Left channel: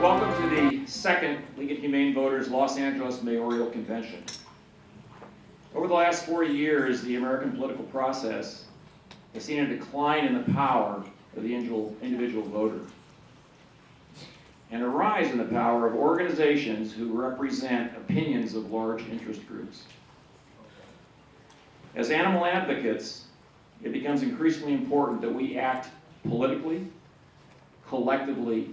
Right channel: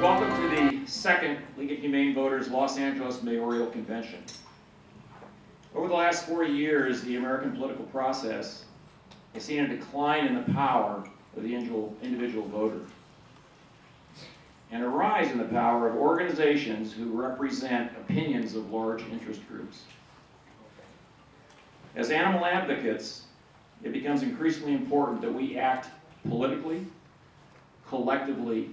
Welcome to the second League of Humane Voters Los Angeles Mayoral Convention. Over the last 40 years, the American political process has seen a decline in the power of the individual voter and a rise in the power of organizations who represent opinions of large interest groups. As animal advocates, it becomes increasingly important that we act politically, collectively,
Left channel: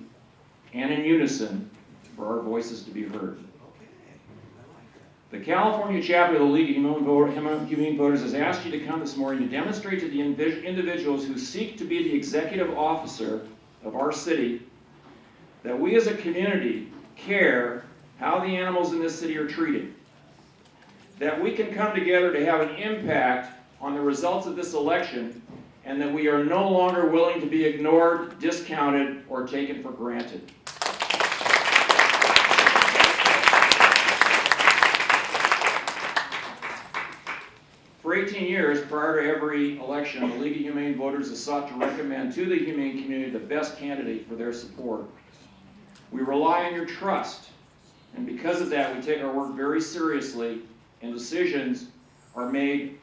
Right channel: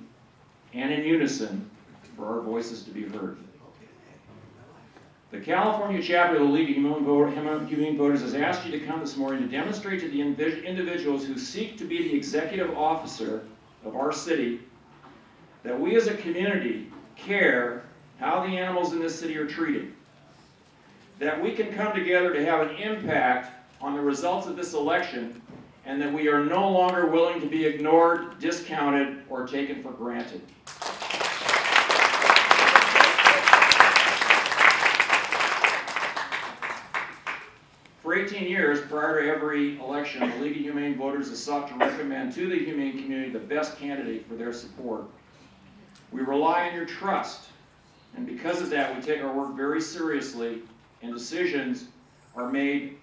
and in unison for our voices to be heard. The California chapter of the League of Humane Voters has asked you to come this morning to demonstrate to the individuals who seek to be the executive officer of our city that we as a community care how the animals in this city are treated, that we can come together to have an impact on the results of this election, and that we are no longer willing to be ignored, discounted, or taken for granted. For 18 years, prior to every election, the League of Humane Voters has sought to recommend to the humane community the best candidate for their support. We rely on your trust, and because of that, we take our work very seriously, and decisions are made,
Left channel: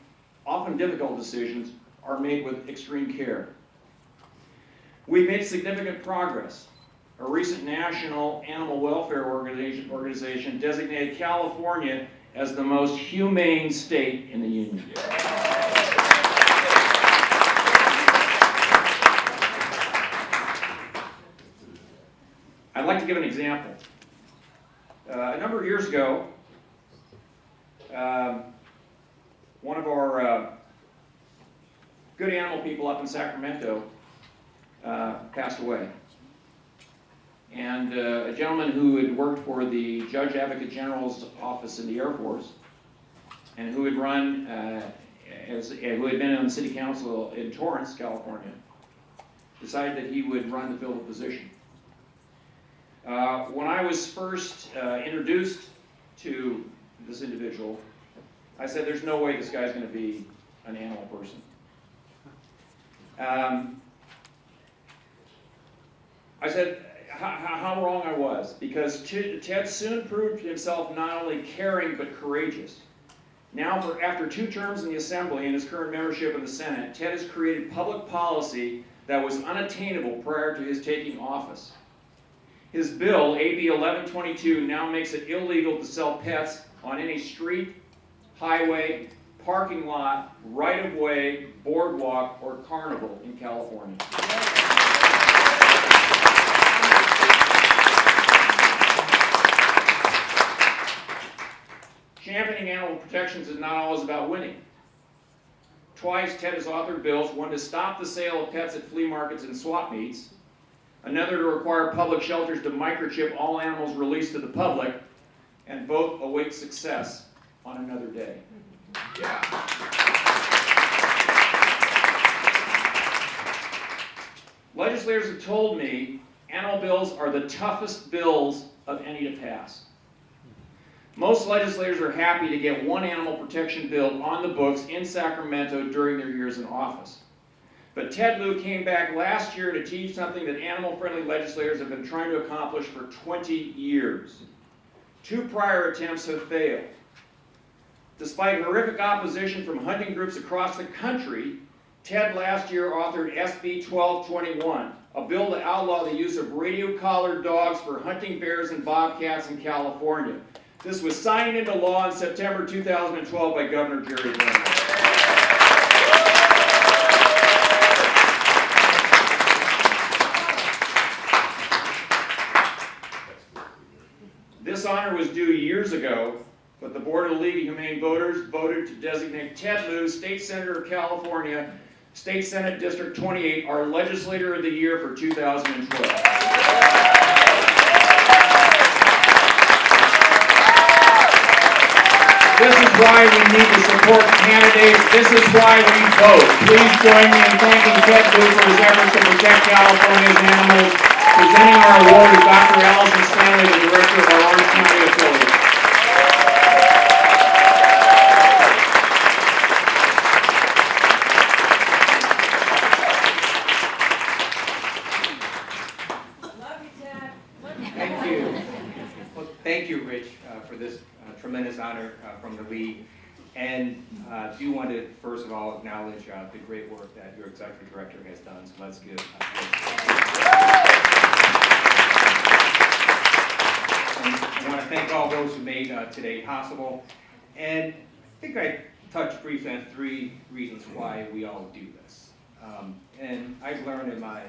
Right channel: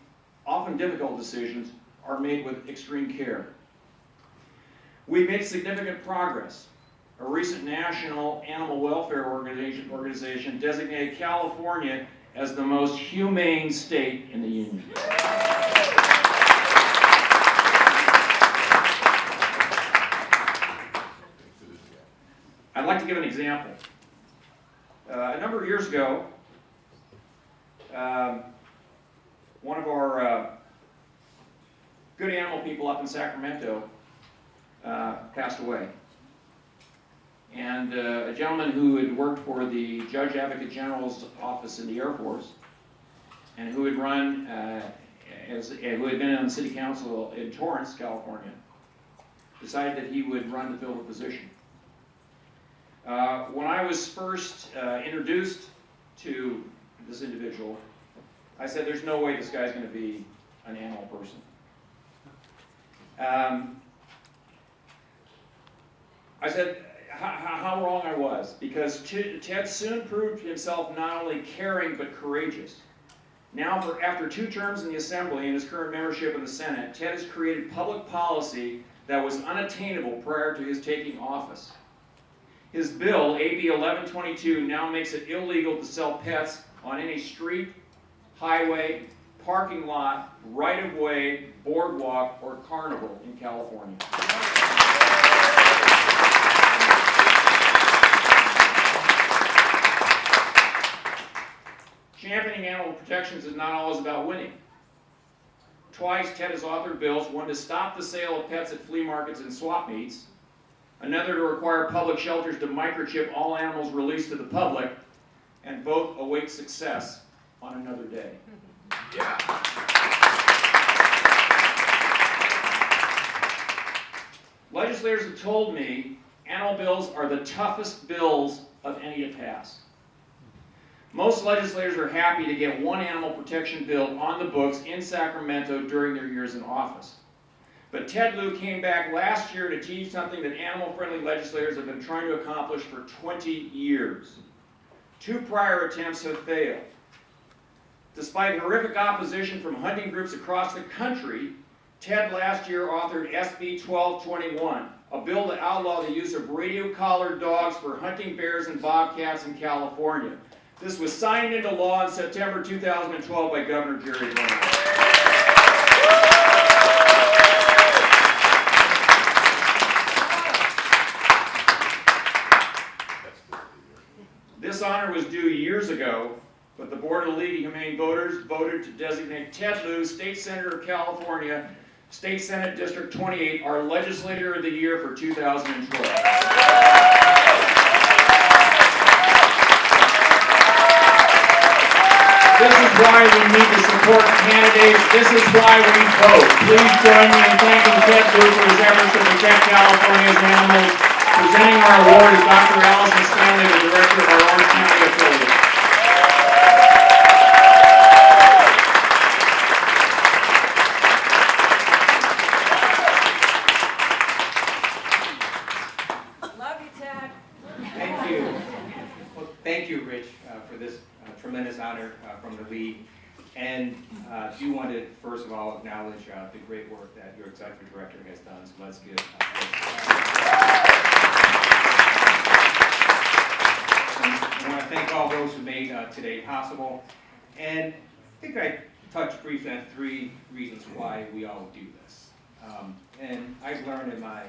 often difficult decisions, are made with extreme care. We've made significant progress. A recent national animal welfare organization designated California as the most humane state in the union. I'd like to give an example. A number of years ago, one of our good animal people up in Sacramento passed away. And a gentleman who had worked for the Judge Advocate General's office in the Air Force, and who had run, who had been on the city council in Torrance, California, decided that he would run to fill the position. When I was first introduced to this individual, I said, there's no way this guy's going to be an animal person. I said how wrong I was, because Ted soon proved himself not only caring but courageous. Now, after 2 terms in the Assembly and his current membership in the Senate, Ted has created public policy that was unattainable prior to his taking office. His bill, AB 1122, now makes it illegal to sell pets on any street, highway, parking lot, right-of-way, boardwalk, or carnival in California. Championing animal protections is not always about winning. Twice, Ted has authored bills, one to stop the sale of pets at flea markets and swap meets, another to require public shelters to microchip all animals released to the public, and both await success on another day. Yeah. Legislators have told me animal bills are the toughest bills of any to pass. Most legislators are happy to get one animal protection bill on the books in Sacramento during their years in office. But Ted Lieu came back last year to teach something that animal-friendly legislators have been trying to accomplish for 20 years. 2 prior attempts have failed. Despite horrific opposition from hunting groups across the country, Ted last year authored SB 1221, a bill to outlaw the use of radio-collared dogs for hunting bears and bobcats in California. This was signed into law in September 2012 by Governor Jerry Brown. This honor was due years ago, but the Board of the League of Humane Voters voted to designate Ted Lieu, State Senator of California, State Senate District 28, our Legislator of the Year for 2012. This is why we need to support candidates. This is why we vote. Please join me in thanking Ted Lieu for his efforts to protect California's animals. Presenting our award is Dr. Allison Stanley, the director of our Orange County affiliate. Love you, Ted. thank you, Rich, for this tremendous honor from the league. And do want to, first of all, acknowledge the great work that your executive director has done. So let's give Rich. I want to thank all those who made today possible. And I think I touched briefly on 3 reasons why we all do this. And I've learned in my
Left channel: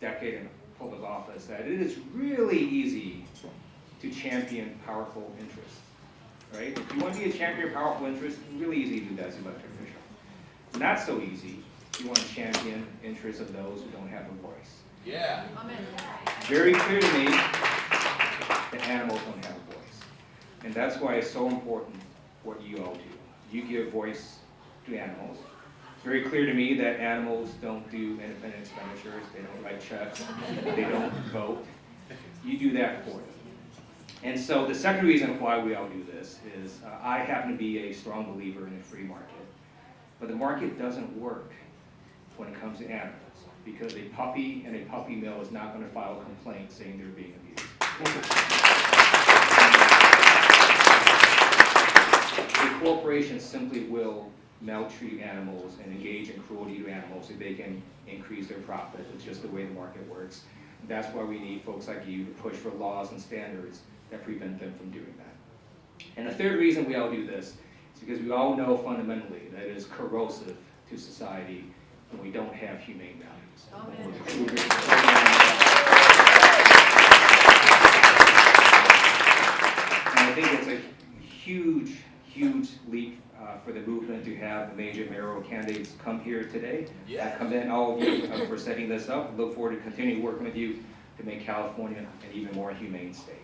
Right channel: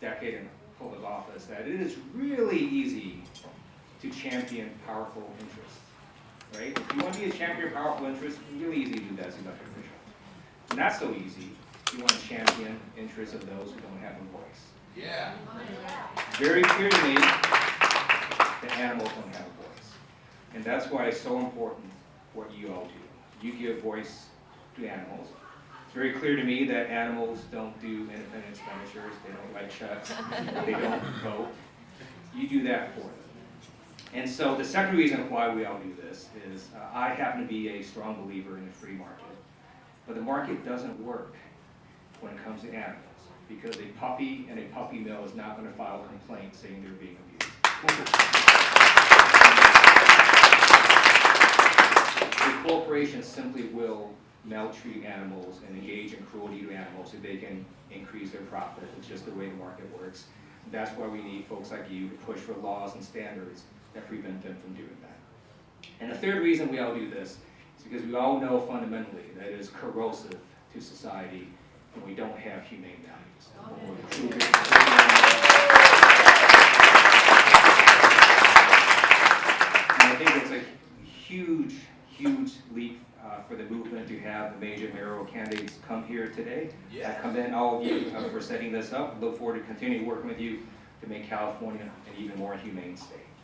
decade in public office that it is really easy to champion powerful interests, right? If you want to be a champion of powerful interests, it's really easy to do that as an elected official. Not so easy. You want to champion interests of those who don't have a voice. Yeah. Very easy to me. Animals don't have a voice. And that's why it's so important what you all do. You give a voice to animals. Very clear to me that animals don't do independence measures and like that. They don't vote. You do that for them. And so the second reason why we all do this is I happen to be a strong believer in the free market. But the market doesn't work when it comes to animals. Because the puppy and the puppy mill is not going to allow claims to say they're vegan. The corporation simply will maltreat animals and engage in animals so they can increase their profits. That's just the way the market works. That's why we need folks like you push laws and standards that prevent them from doing that. And the third reason we all do this is because we all know fundamentally that it is corrosive to society when we don't have humane animals. And I think it's a huge leap for the group to have a major candidate come here today. And then all of you, as I set this up, we'll look forward to continuing with you to make California even more humane state.